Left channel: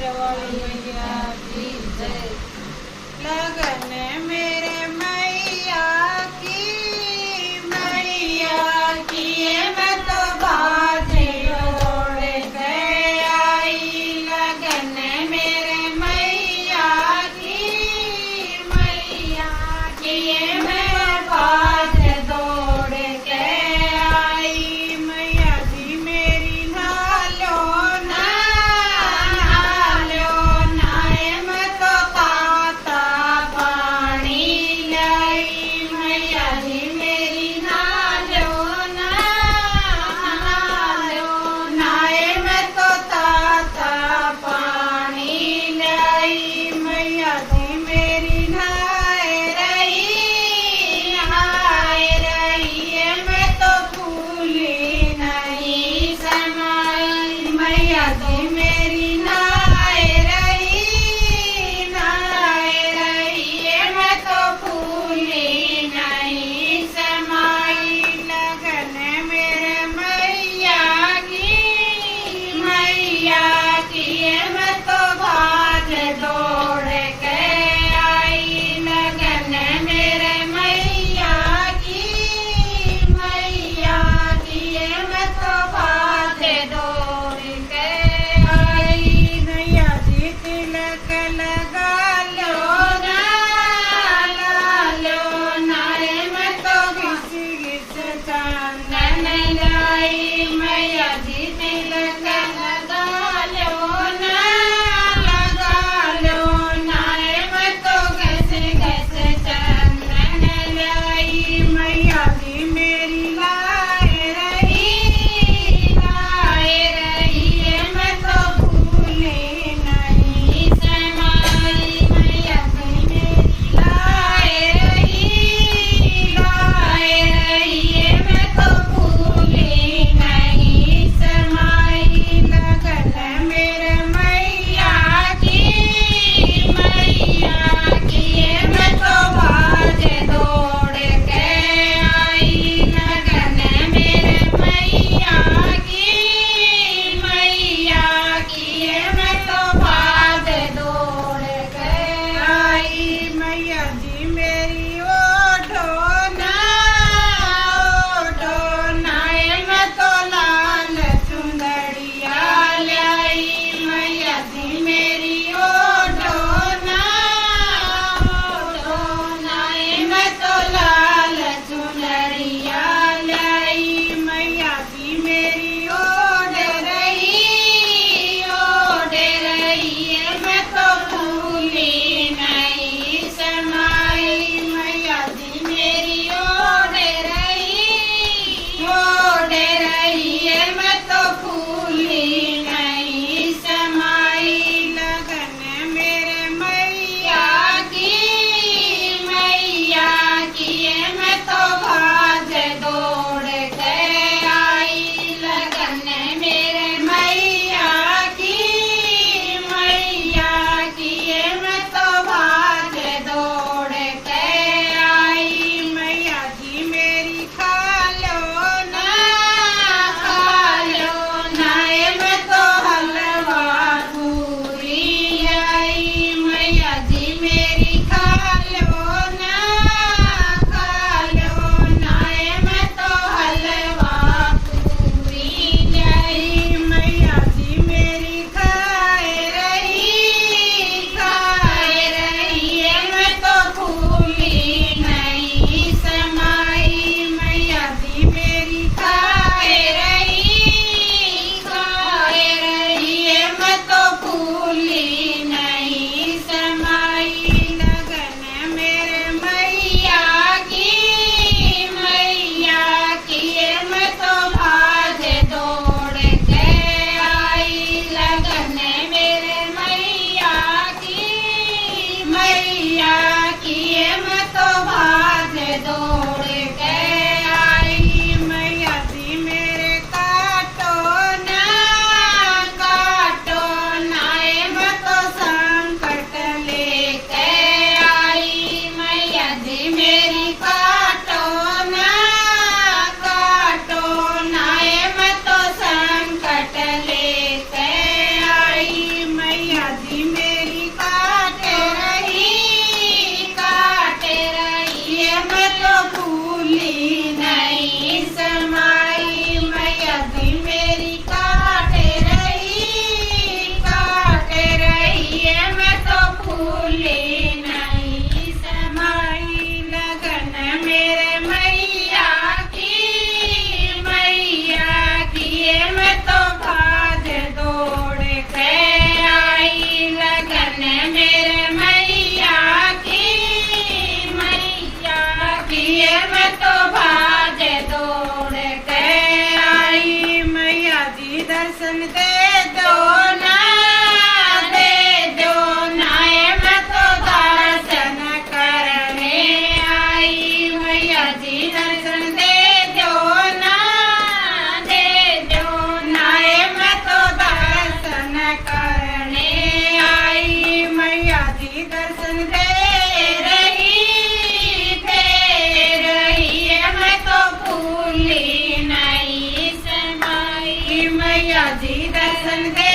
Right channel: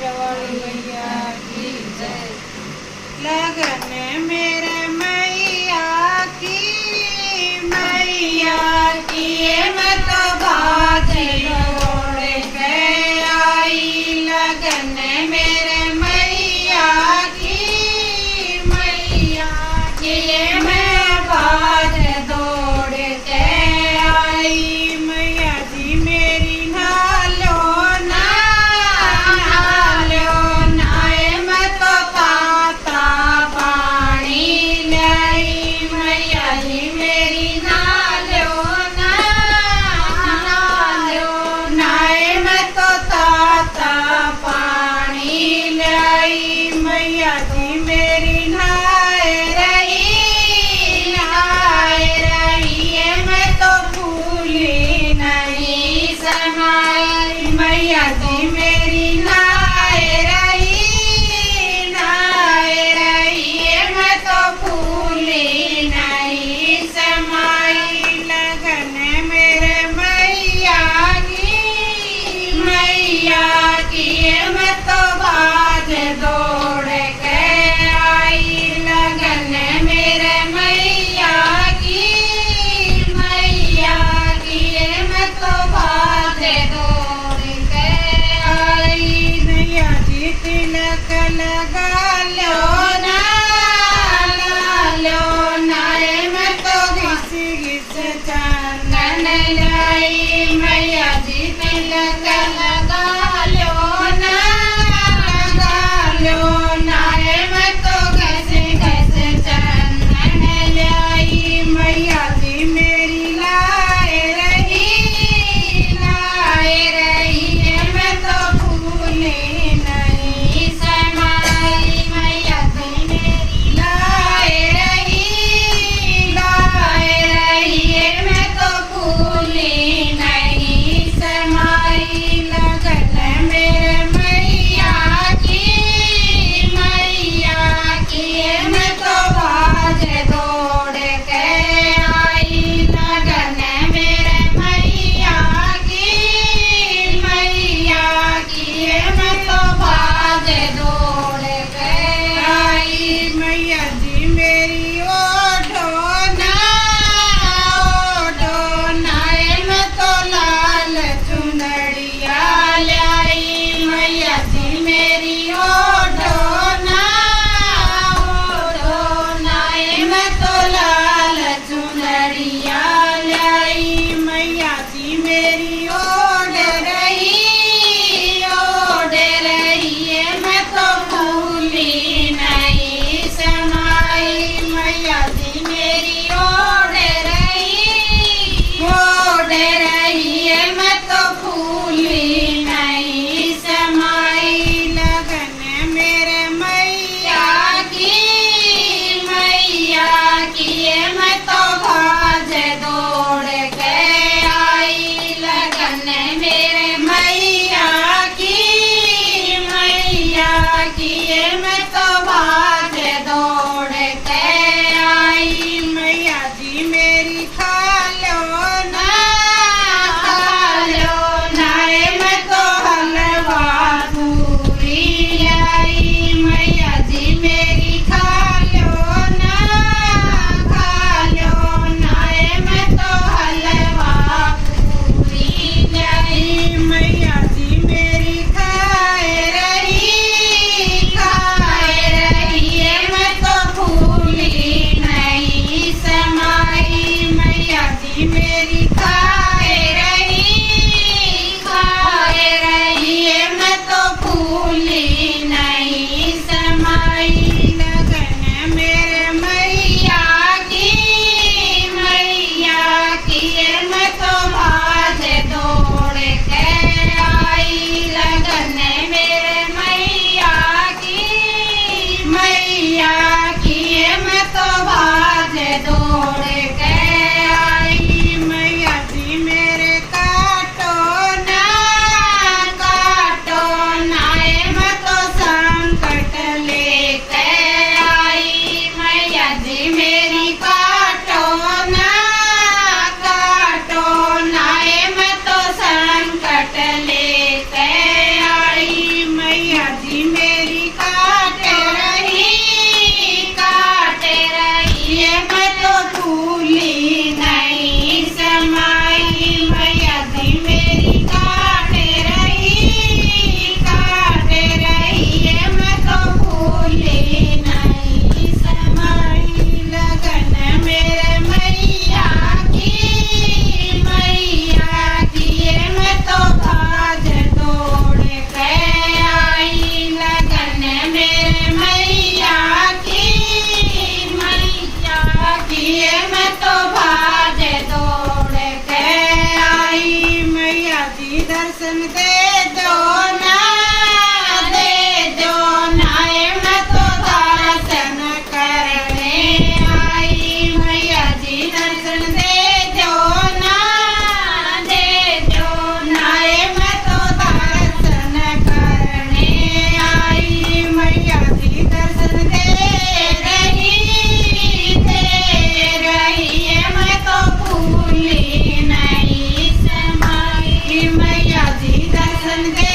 शेरवाली मैया की जय। लगन मेरे मैया की मैं तो बाजे दौड़ के आई। लगन मेरे मैया की मैं बाज दौड़ के आई। मैया जी मेरी नालो नाए मैं तो ताता पानी लाई। मैया जी मेरी नालो नाए मैं तो ताता पानी लाई। मैया जी मेरी नहाए रही मैं तो भूली नहीं समाई। मैया जी मेरी नहाए रही मैं तो भूली नहीं समाई। लगन मेरे मैया की मैं तो बाज दौड़ के आई। लगन मेरे मैया की मैं तो बाज दौड़ के आई। नैया जी तिलक लगा लो नाए मैं तो घिस चंदन लाई। मैया जी तिलक लगा लो ना दर्शन दे